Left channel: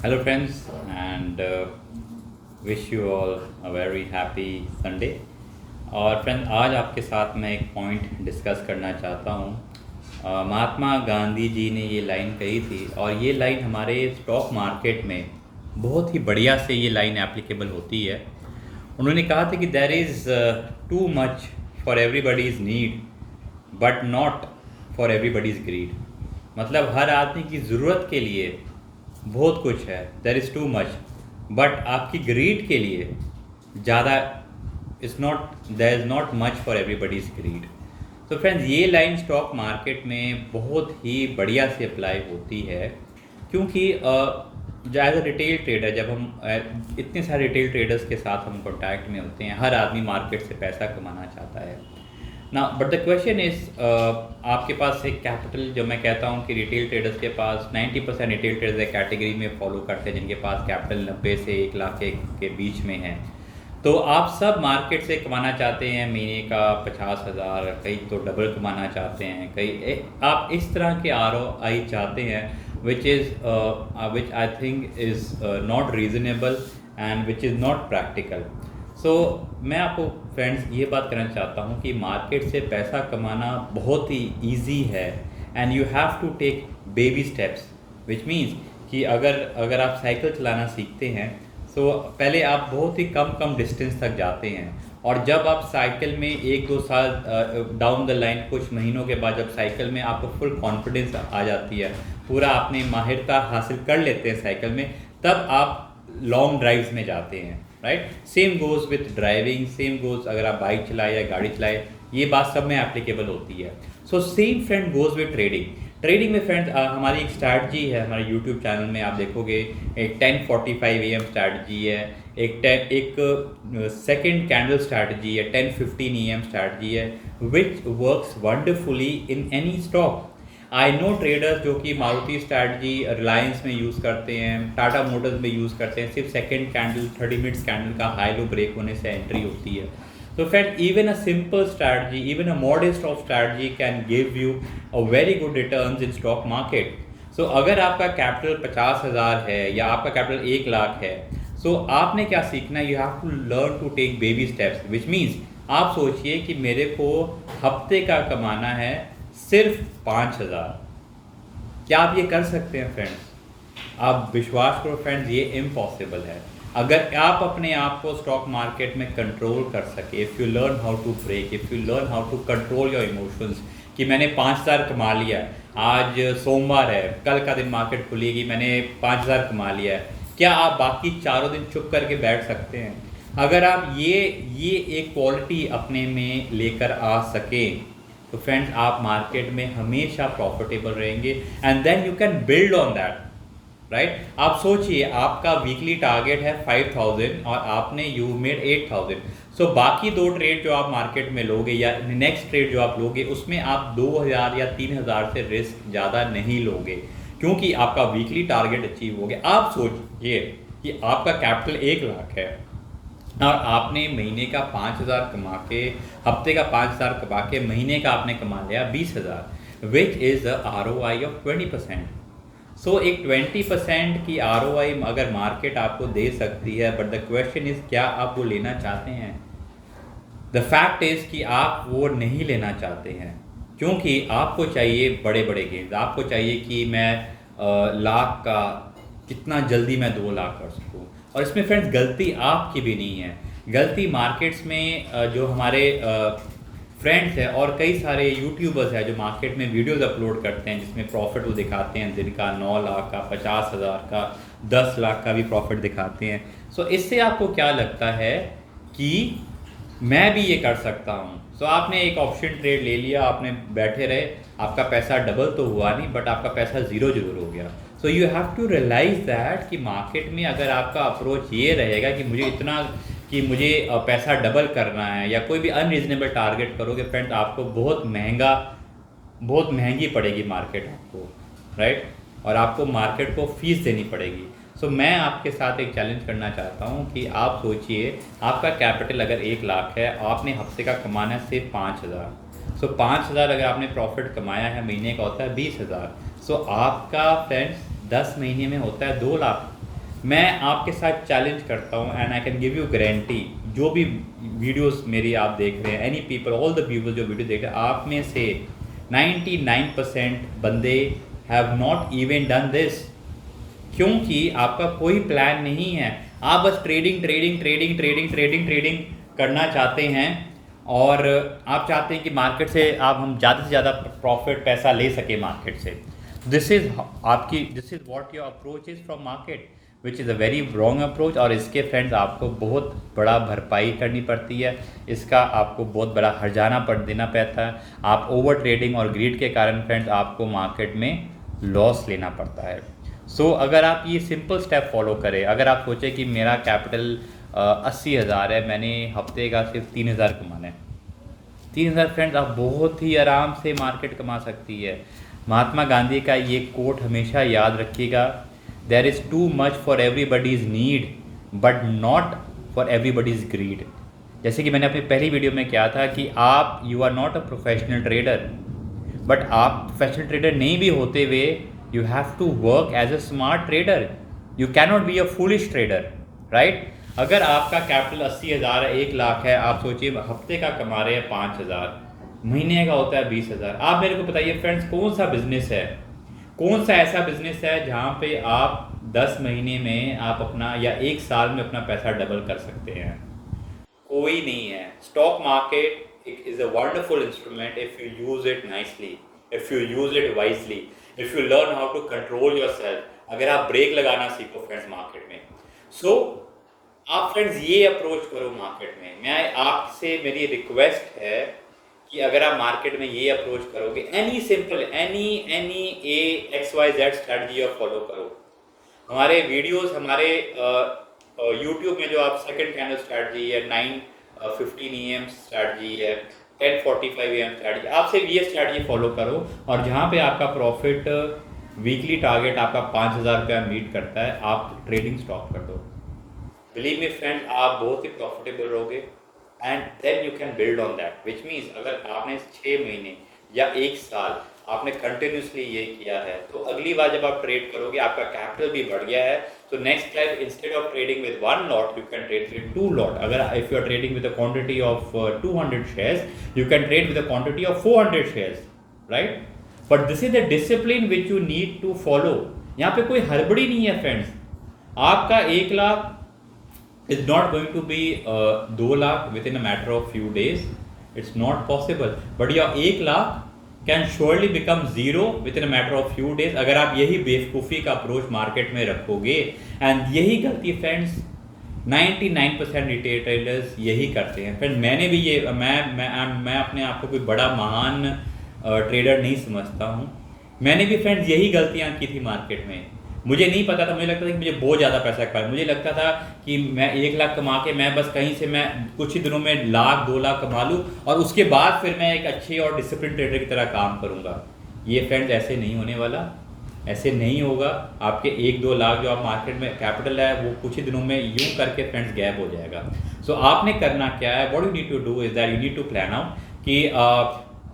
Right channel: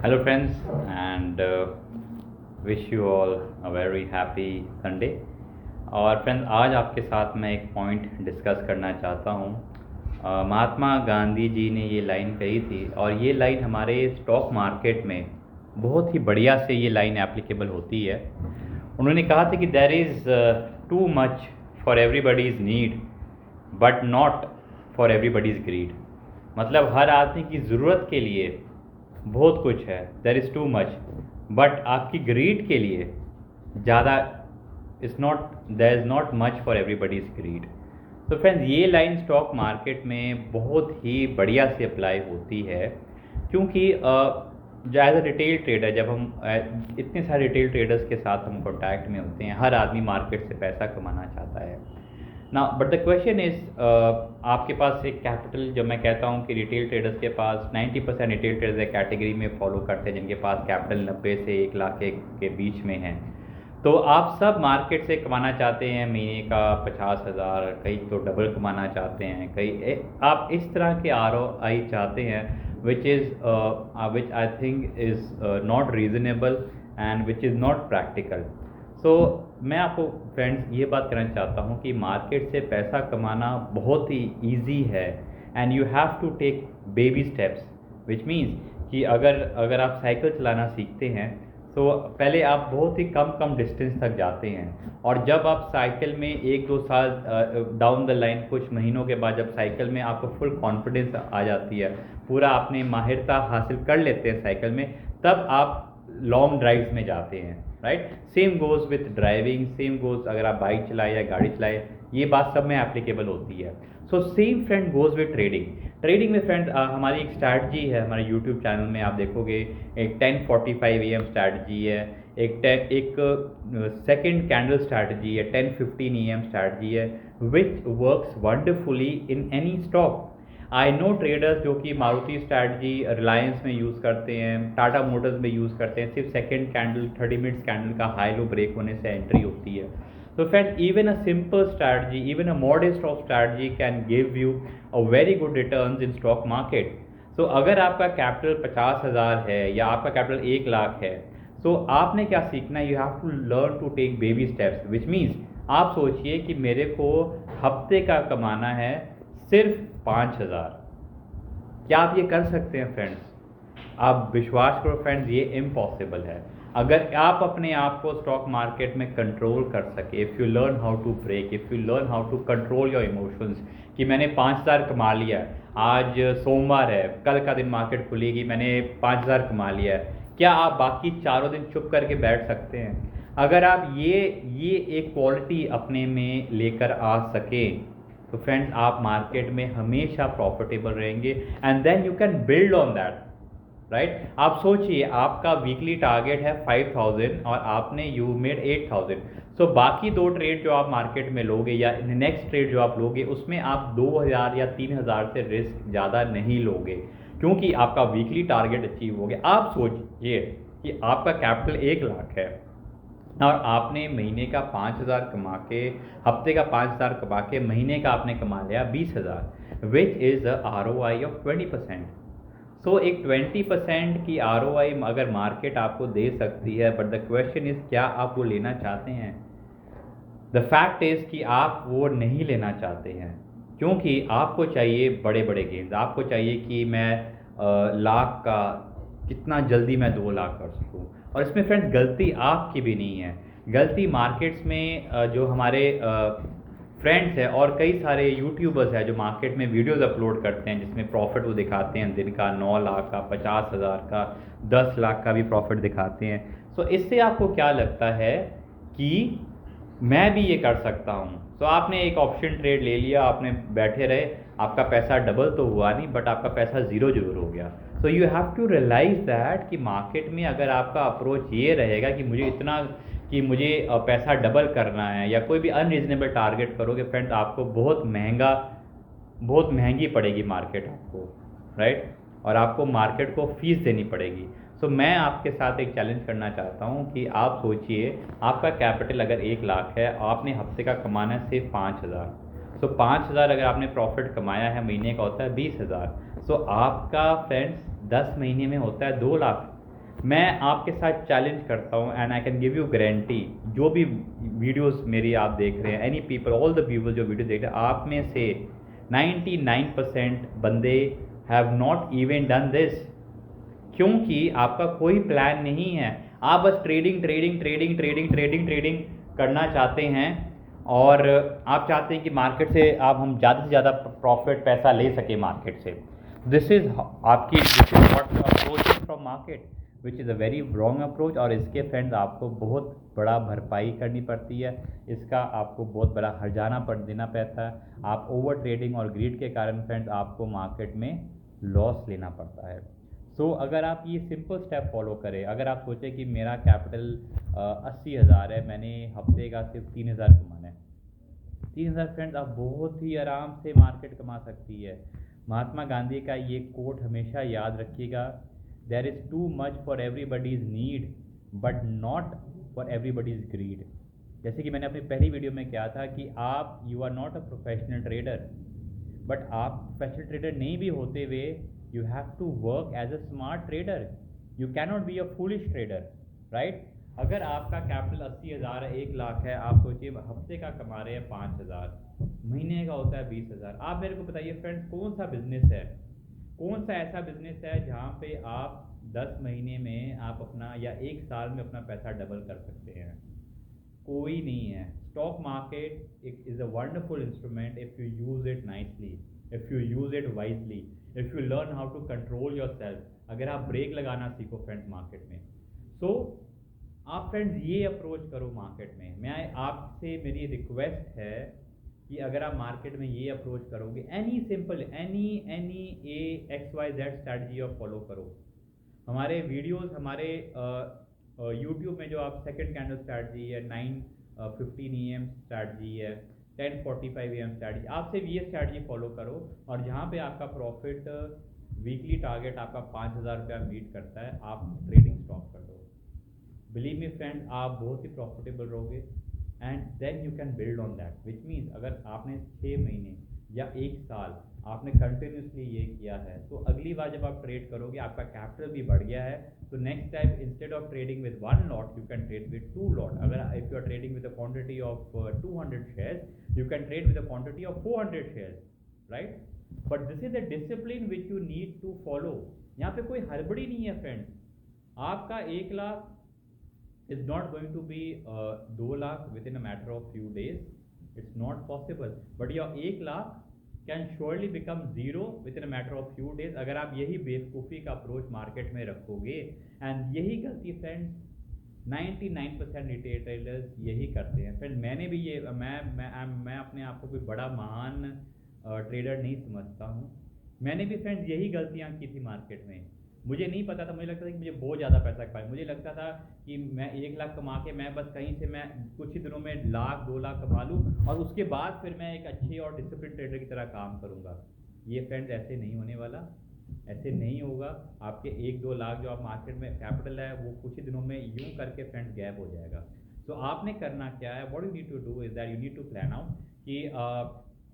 Hello, friends, and wish you all a very happy Sunday. और friends आज आपके साथ मैं एक पॉइंट डिस्कस करना चाहता हूँ। महात्मा गांधी जी ने ये लाइन कही थी और ये लाइन हमारे स्टॉक मार्केट में बहुत ही बढ़िया से ये लाइन एप्लीकेबल होती है। उन्होंने कहा था कि there is too much for everybody's need but not for everybody's greed. मतलब हर आदमी की ज़रूरत के लिए बहुत कुछ है, there is too much, but आपकी ग्रीड के लिए ज़्यादा is not, there is not much for everybody's greed. तो फ्रेंड्स ये लाइन स्टॉक मार्केट में बहुत ही बढ़िया से अप्लाई होती है, क्योंकि एज अ रिटेल ट्रेडर जब हम इतने सारे रिटेल ट्रेडर्स के साथ हम कॉन्टैक्ट में होते हैं, हर आदमी मार्केट से पैसा कमाना चाहता है ना। बट द क्वेश्चन इज़ आपके पास एक कैपिटल, जो मैं कहता हूँ कि रिटेल ट्रेडर्स के पास 90% रिटेल ट्रेडर्स एक कैटेगरी में फॉलो करते हैं जिनके पास कैपिटल 90 से 1 लाख के बीच में है। तो आप सब मार्केट से कमाना चाहते हैं महीने का 50,000, कई तो डबल कमाना चाहते हैं, आप इस तरह के ROI चाहते हैं which I think is not reasonable and which is not practical. So मैं आपको फ्रेंड्स ये बात करना चाहता हूँ कि मार्केट से पैसा कमाना बहुत ही ईजी है and you have to take baby steps, which means कि अगर आप साइकिल चलाना सीखते हैं तो पहले आप बहुत ही कम डिस्टेंस तक जाते हैं, और जब आप साइकिल में 1-2 साल डाउन द लाइन, कुछ महीनों के बाद जब साइकिल में आपको फुल कॉन्फिडेंस आ जाती है, पूरा आपने माहिरता हासिल कर लेते हैं साइकिल में, तब आप लॉन्ग ड्राइव्स में जाते हैं, right. Same goes with driving, same goes अगर आप बाइक चलाए या गाड़ी चलाए, ये बात सब में एप्लीकेबल होती है। So same friend goes with trading. Trading में फ्रेंड्स हमारी एक स्ट्रैटजी है, हमारे यूट्यूब चैनल में आप देखोगे एक 10:45 AM स्ट्रैटजी है, एक सेकेंड कैंडल स्ट्रैटजी है, 10:15 AM स्ट्रैटजी है, which works wonderfully in any stock. I know traders जो कि मारुति स्ट्रैटजी रिलायंस में यूज़ करते हैं, टाटा मोटर्स में यूज़ करते हैं, सिर्फ सेकेंड कैंडल 30 मिनट्स कैंडल का हाई लो ब्रेक होने से एंट्री होती है। So friend, even a simple strategy, even a modest of strategy can give you a very good returns in stock market. So अगर आपका कैपिटल 50,000 है या आपका कैपिटल 1 लाख है, so आपने क्या सीखना है, you have to learn to take baby steps, which means आप सोचिए कि मेरे को हफ्ते का कमाना है सिर्फ 5,000। क्या आप ये कर सकते हैं फ्रेंड्स? आप विश्वास करो फ्रेंड्स, ये इम्पॉसिबल है। अगर आप अपने आप को स्टॉक मार्केट में कंट्रोल कर सके, if you learn how to break, if you learn how to control your emotions, कि मैंने 5,000 कमा लिया है, आज सोमवार है, कल का दिन मार्केट खुलेगी, मैंने 5,000 कमा लिया है, क्या आप बाकी चारों दिन चुप करके बैठ सकते हैं? अगर आप ये एक क्वालिटी अपने में लेकर आ सकें, तो फ्रेंड्स आप मार्केट में हमेशा प्रॉफिटेबल रहेंगे, and then you can build on that, right. आप सोचिए आपका वीकली टारगेट है 5,000 और आपने यू मेड 8,000। सो बाकी 2 ट्रेड जो आप मार्केट में लोगे या नेक्स्ट ट्रेड जो आप लोगे, उसमें आप 2,000 या 3,000 से रिस्क ज़्यादा नहीं लोगे, क्योंकि आपका वीकली टारगेट अचीव हो गया। आप सोचिए कि आपका कैपिटल 1 लाख है और आपने महीने का 5,000 कमा के, हफ्ते का 5,000 कमा के, महीने का आपने कमा लिया 20,000, which is the ROI of 20%। सो एक 20% की ROI अगर मार्केट आपको दे सकती है, बट द क्वेश्चन इज़ क्या आप वो लेना चाहते हैं? द फैक्ट इज़ कि आप वो नहीं लेना चाहते हैं, क्योंकि आपको चाहिए बड़े बड़े गेम्स, आपको चाहिए कि मैं लाख का कितना जल्दी मैं 2 लाख कर सकूँ। और इसमें फ्रेंड्स गलती आपकी भी नहीं है, गलती मार्केट्स में जो हमारे फ्रेंड्स हैं और कई सारे यूट्यूबर्स हैं जो मार्केट में वीडियोस अपलोड करते हैं जिसमें प्रॉफिट वो दिखाते हैं, दिन का 9 लाख का, 50,000 का, 10 लाख का भी प्रॉफिट दिखाते हैं। सो इससे आपको क्या लगता है कि मैं भी ये कर सकता हूँ? सो आपने एक ऑप्शन ट्रेड ले लिया, आपने बैठे रहे, आपका पैसा डबल तो हुआ नहीं, बट आपका पैसा ज़ीरो ज़रूर हो गया। So you have to realise that कि मार्केट में अगर आपका अप्रोच ये रहेगा कि मुझे इतना, कि मुझे पैसा डबल करना है, या कोई भी अनरीजनेबल टारगेट करोगे फ्रेंड्स, आपको बहुत महंगी पड़ेगी मार्केट आपको, राइट। और आपको मार्केट को फीस देनी पड़ेगी। सो मैं आपके साथ एक चैलेंज करना चाहता हूँ कि आप सोचिए आपका कैपिटल अगर 1 लाख है, आपने हफ्ते का कमाना है सिर्फ 5,000। सो 5,000 अगर आपने प्रॉफिट कमाया है, महीने का होता है 20,000। सो आपका फ्रेंड्स 10 महीने में होता है 2 लाख। मैं आपके साथ चैलेंज करता हूँ and I can give you guarantee, जो भी वीडियोस मेरी आप देख रहे हैं, any people, all the viewers जो वीडियो देख रहे हैं, आप में से 99% बंदे have not even done this, क्योंकि आपका कोई प्लान नहीं है। आप बस trading trading trading trading trading trading करना चाहते हैं और आप चाहते हैं कि मार्केट से हम ज़्यादा से ज़्यादा प्रॉफिट पैसा ले सके मार्केट से। This is what you approaching from market, which is a very wrong approach. और इसके फ्रेंड्स आपको बहुत बड़ा भरपाई करनी पड़ती है, इसका आपको बहुत बड़ा हर्जाना देना पड़ता है। आप ओवर ट्रेडिंग और ग्रीड के कारण फ्रेंड्स आपको मार्केट में लॉस लेना पड़ता है। सो अगर आप ये सिंपल स्टेप फॉलो करें, अगर आप सोचें कि मेरा कैपिटल 80,000 है, मैंने हफ्ते का सिर्फ 3,000 कमाना है, 3,000 फ्रेंड्स आप बहुत ही आराम से मार्केट कमा सकती है। महात्मा गांधी का ये कोट हमेशा याद रखिएगा, there is too much for everybody's need but not for everybody's greed. जैसे कि मैंने अपनी पहली वीडियो में कहा था कि आप you are not a professional trader, but आप प्रोफेशनल ट्रेडर नहीं भी होते हुए you have to work as a smart trader, you cannot be a foolish trader, right. अगर आपका कैपिटल 80,000 है, 1,00,000 है, आप सोचिए हफ्ते का कमा रहे हैं 5,000, महीने का होता है 20,000। आप मेरे को बताइए फ्रेंड्स, कौन सा बिजनेस है, कौन सा ऐसा बिजनेस है जहाँ पे आप 10 महीने में आप अपना या 1 साल में अपना पैसा डबल कर सकते हैं? कोई नहीं है। Stock market is a wonderful instrument if you use it nicely, if you use it wisely, if you learn how to control your self. अगर आप ब्रेक लगाना सीखो फ्रेंड्स मार्केट में, सो आप फ्रेंड्स ये अप्रोच करो मार्केट में। मैं आपसे मेरी रिक्वेस्ट है कि अगर आप मार्केट में ये अप्रोच करोगे, any simple any XYZ strategy आप फॉलो करो। हमारे वीडियोस, हमारे यूट्यूब में जो आप सेकंड कैंडल स्ट्रैटेजी है, 9:15 AM स्ट्रैटेजी है, 10:45 AM स्ट्रैटेजी, आप सिर्फ ये स्ट्रैटेजी फॉलो करो और जहाँ पे आपका प्रॉफिट वीकली टारगेट आपका 5,000 रुपया मीट करता है, आप ट्रेडिंग स्टॉप कर दो। बिलीव मी फ्रेंड, आप बहुत ही प्रॉफिटेबल रहोगे and then you can build on that, which means अगर आपने 6 महीने या 1 साल आपने कंटिन्यूसली ये किया है, तो अगली बार जब आप ट्रेड करोगे आपका कैपिटल भी बढ़ गया है, तो next time instead of trading with 1 lot you can trade with 2 lot. अगर if you are trading with a quantity of 200 shares, you can trade with a quantity of 400 shares, right. But this is the discipline which you need to follow. यहाँ पे कोई हड़बड़ी नहीं है friends. आपका 1,00,000 is not going to be 2,00,000 within a matter of few days. It's not possible. But your 1,00,000 can surely become zero within a matter of few days अगर आप यही बेवकूफ़ी का अप्रोच मार्केट में रखोगे। एंड यही गलती फ्रेंड्स 99% रिटेल ट्रेडर्स यही करते हैं। फ्रेंड मैंने भी ये मैं अपने आप को कोई बड़ा महान ट्रेडर नहीं समझता हूँ। मैंने भी फ्रेंड्स यही गलतियाँ की थी मार्केट में। मुझे नहीं पता था, मुझे लगता था कि मुझे बहुत ज़्यादा पैसा कमाना, मुझे लगता था कि मैं 1,00,000 कमा के मैं बस कहीं से मैं कुछ ही दिनों में 1,00,000 2,00,000 कमा लूँ और उसके बाद फिर मैं एक अच्छे और डिसिप्लिन ट्रेडर की तरह काम करूँगा। ये फ्रेंड्स ऐसे नहीं होने वाला, ऐसे नहीं होगा। आपके 1-2 लाख जो आप मार्केट में कैपिटल है वो कुछ ही दिनों में यूं करके फ्रेंड्स गैप हो जाएगा। सो आपने करना क्या है, what you need to do is that you need to plan out कि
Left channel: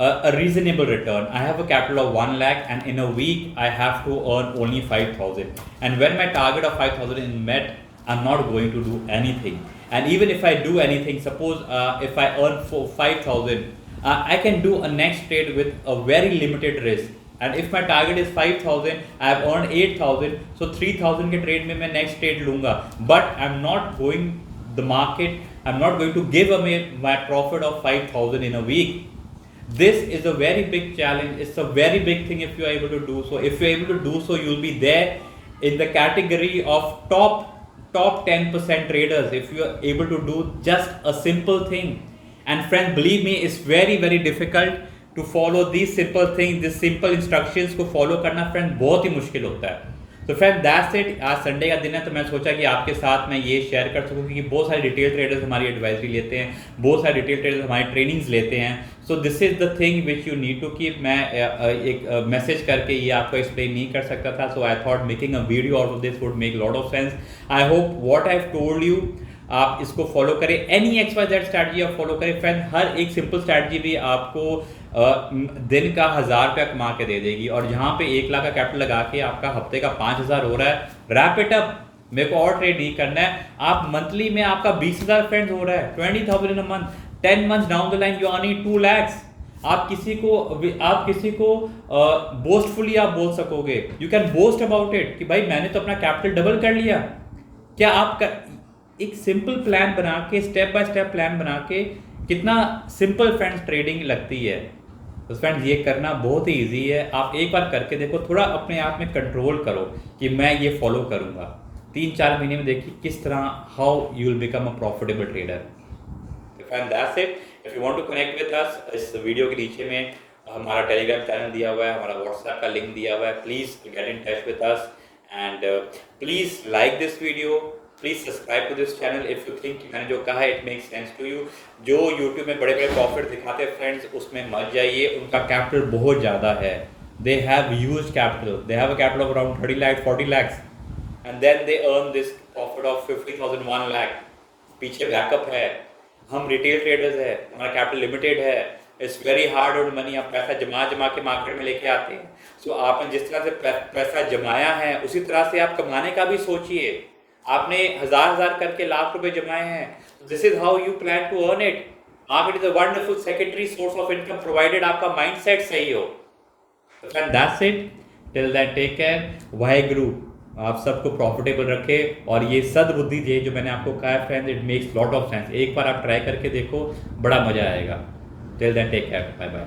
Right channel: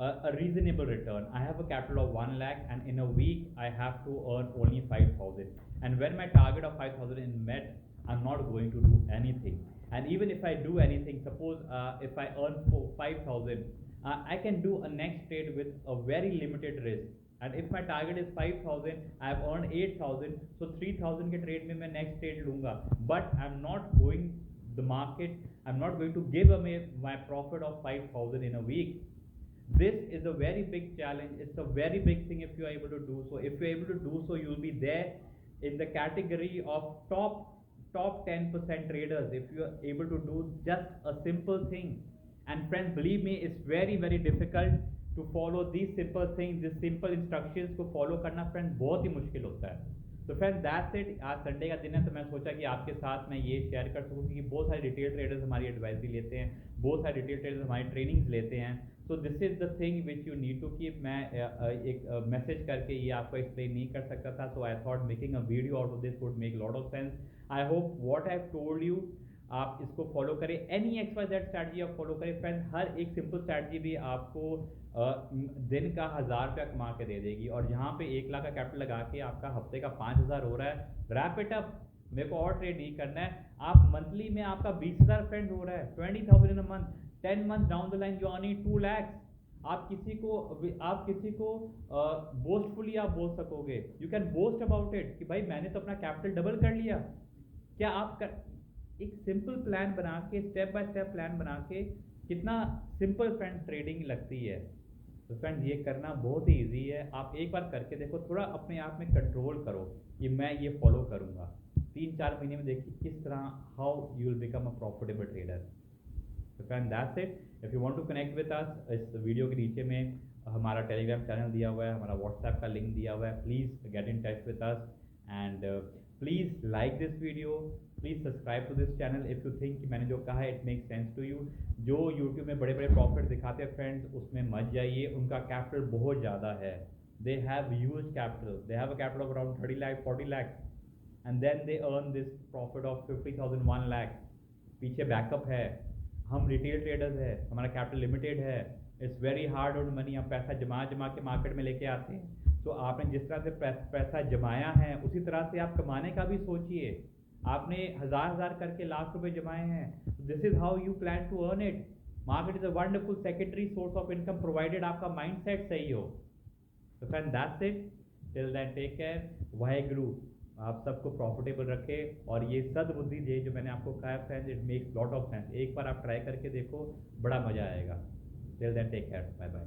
a reasonable return. I have a capital of 1 lakh and in a week I have to earn only 5,000. And when my target of 5,000 is met, I'm not going to do anything. And even if I do anything, suppose if I earn 5,000, I can do a next trade with a very limited risk. And if my target is 5,000, I have earned 8,000, so 3,000 के trade में मैं next trade लूँगा. But I'm not going the market. I'm not going to give away my profit of 5,000 in a week. This is a very big challenge. It's a very big thing if you are able to do so. If you are able to do so, you'll be there in the category of top 10% traders if you are able to do just a simple thing. And friends, believe me, it's very very difficult to follow these simple things, these simple instructions को follow करना friends बहुत ही मुश्किल होता है। तो friend that's it. आज Sunday का दिन है तो मैं सोचा कि आपके साथ मैं ये शेयर कर सकूँ क्योंकि बहुत सारे रिटेल ट्रेडर्स हमारी एडवाइजरी लेते हैं, बहुत सारे रिटेल ट्रेडर्स हमारी ट्रेनिंग्स लेते हैं। So this is the thing which you need to keep. मैं एक मैसेज करके ये आपको एक्सप्लेन नहीं कर सकता था, so I thought making a video out of this would make lot of sense. I hope what I have told you आप इसको फॉलो करें, एनी XYZ स्ट्रैटेजी आप फॉलो करें। फ्रेंड हर एक सिंपल स्ट्रैटेजी भी आपको दिन का 1,000 रुपया कमा के दे देगी और जहाँ पे 1,00,000 का कैपिटल लगा के आपका हफ्ते का 5,000 हो रहा है, रैप इट अप, मेरे को और ट्रेड नहीं करना है। आप मंथली में आपका 20,000 फ्रेंड्स हो रहा है, 20,000 in a month, 10 months down the line you earning 2 lakhs। आप किसी को बोस्टफुली आप बोल सकोगे, you can boast about it कि भाई मैंने तो अपना कैपिटल डबल कर लिया। क्या आप एक सिंपल प्लान बना के, स्टेप बाय स्टेप प्लान बना के, कितना सिंपल फ्रेंड्स ट्रेडिंग लगती है। तो फ्रेंड्स ये करना बहुत ही ईजी है, आप एक बार करके देखो, थोड़ा अपने आप में कंट्रोल करो कि मैं ये फॉलो करूँगा। 3-4 महीने में देखिए किस तरह how you will become a profitable trader. Friend that's it. If you want to connect with us, इस वीडियो के नीचे में हमारा टेलीग्राम चैनल दिया हुआ है, हमारा व्हाट्सएप का लिंक दिया हुआ है। Please get in touch with us and please like this video, please subscribe to this channel if you think मैंने जो कहा है it makes sense to you. जो यूट्यूब में बड़े बड़े प्रॉफिट दिखाते हैं फ्रेंड्स, उसमें मत जाइए, उनका कैपिटल बहुत ज़्यादा है। They have huge capital, they have a capital of around 30 lakh 40 lakhs and then they earn this profit of 50,000 1 lakh। पीछे बैकअप है, हम रिटेल ट्रेडर्स है, हमारा कैपिटल लिमिटेड है, it's very hard earn money. आप पैसा जमा के मार्केट में लेके आते हैं। सो आपने जिस तरह से पैसा जमाया है उसी तरह से आप कमाने का भी सोचिए। आपने हजार करके लाख रुपए जमाए हैं, this is how you plan to earn it. Market is a wonderful secondary source of income provided आपका माइंडसेट सही हो। And that's it, till then take care. Waheguru आप सबको प्रॉफिटेबल रखे। और ये सद्बुद्धि ये जो मैंने आपको कहा है friends, it makes lot of sense. एक बार आप ट्राई करके देखो, बड़ा मजा आएगा। Till then take care, bye bye.